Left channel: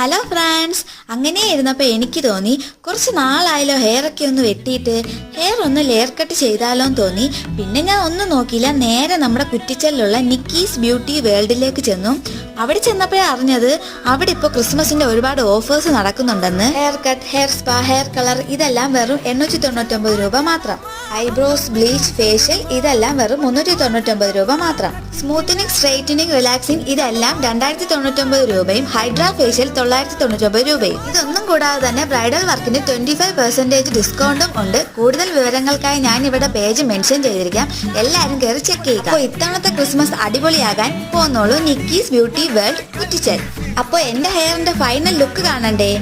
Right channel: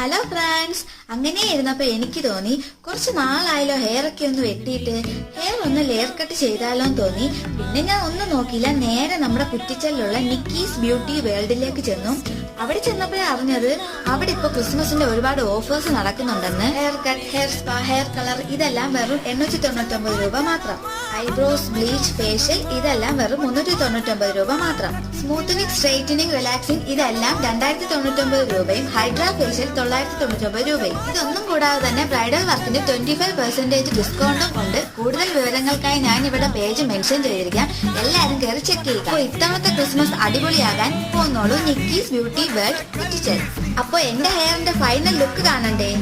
Hello friends, അങ്ങനെ ഇരുന്നപ്പോൾ എനിക്ക് തോന്നി കുറച്ച് നാളായാലോ ഹെയറൊക്കെ ഒന്ന് വെട്ടിയിട്ട് ഹെയർ ഒന്ന് ലെയർ കട്ട് ചെയ്താലോ എന്ന് തോന്നി. പിന്നെ ഞാൻ ഒന്നും നോക്കിയില്ല, നേരെ നമ്മുടെ കുറ്റിച്ചലിലുള്ള നിക്കീസ് ബ്യൂട്ടി വേൾഡിലേക്ക് ചെന്നു. അവിടെ ചെന്നപ്പോഴേ അറിഞ്ഞത് അവിടെ ഇപ്പോൾ ക്രിസ്മസിന്റെ ഒരുപാട് ഓഫേഴ്സ് നടക്കുന്നുണ്ടെന്ന്. Hair cut, hair spa, hair colour ഇതെല്ലാം വെറും 899 രൂപ മാത്രം. ഐബ്രോസ്, ബ്ലീച്ച്, ഫേഷ്യൽ ഇതെല്ലാം വെറും 399 രൂപ മാത്രം. സ്മൂത്തനിങ്, സ്ട്രെയിറ്റനിങ്, റിലാക്സിങ് ഇതെല്ലാം 2099 രൂപയും. ഹൈഡ്രാ ഫേഷ്യൽ 999 രൂപയും. ഇതൊന്നും കൂടാതെ തന്നെ ബ്രൈഡൽ വർക്കിന് 25% ഡിസ്കൗണ്ടും ഉണ്ട്. കൂടുതൽ വിവരങ്ങൾക്കായി ഞാൻ ഇവിടെ പേജ് മെൻഷൻ ചെയ്തിരിക്കാം, എല്ലാവരും കയറി ചെക്ക് ചെയ്യുക. ഇത്തവണത്തെ Christmas അടിപൊളിയാകാൻ പോന്നോളൂ Nikki's beauty world Kuttichal. അപ്പൊ എന്റെ ഹെയറിന്റെ ഫൈനൽ ലുക്ക് കാണണ്ടേ?